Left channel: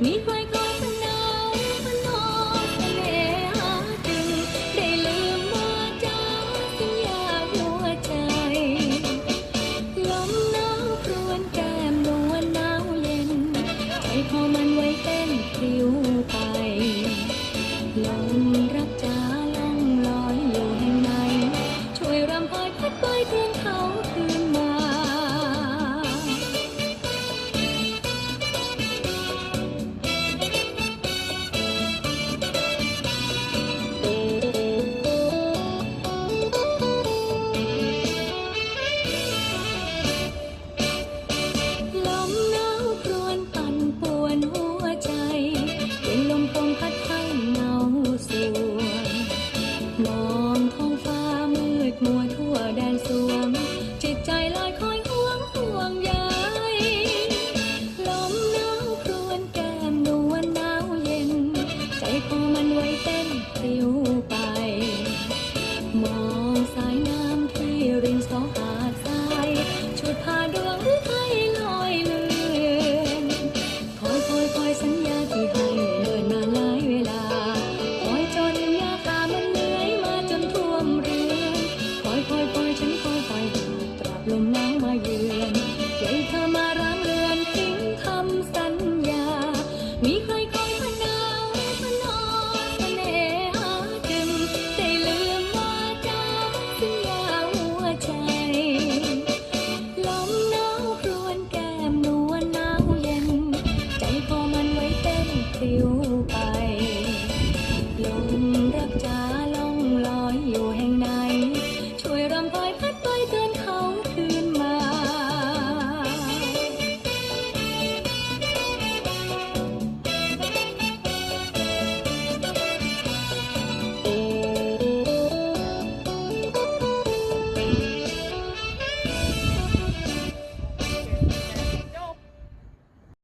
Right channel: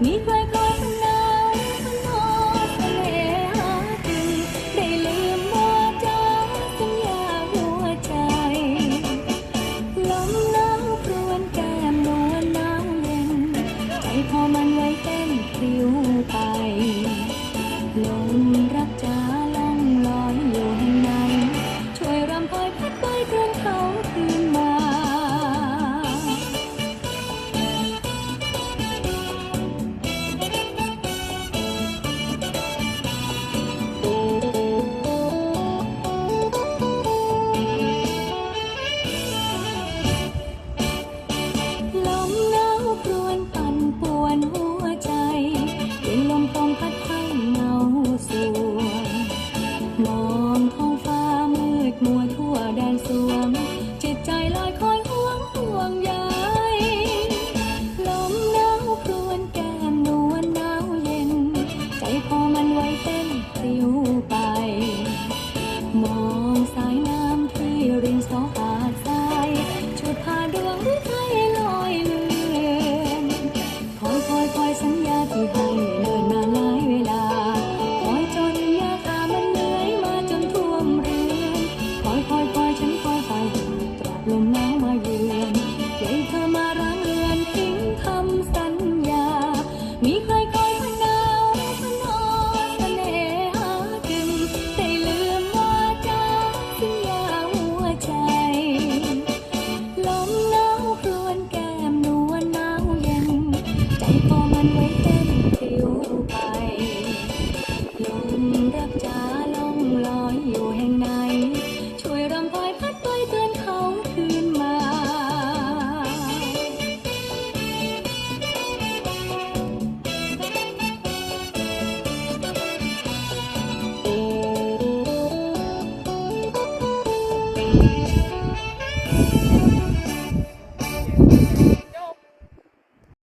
你。 ไว้เต้นปลิวไปลมรักจ้าล่องลอยอยู่แห่งไหน ช่วยรำพายพัดไปเตือนคืนมา thank you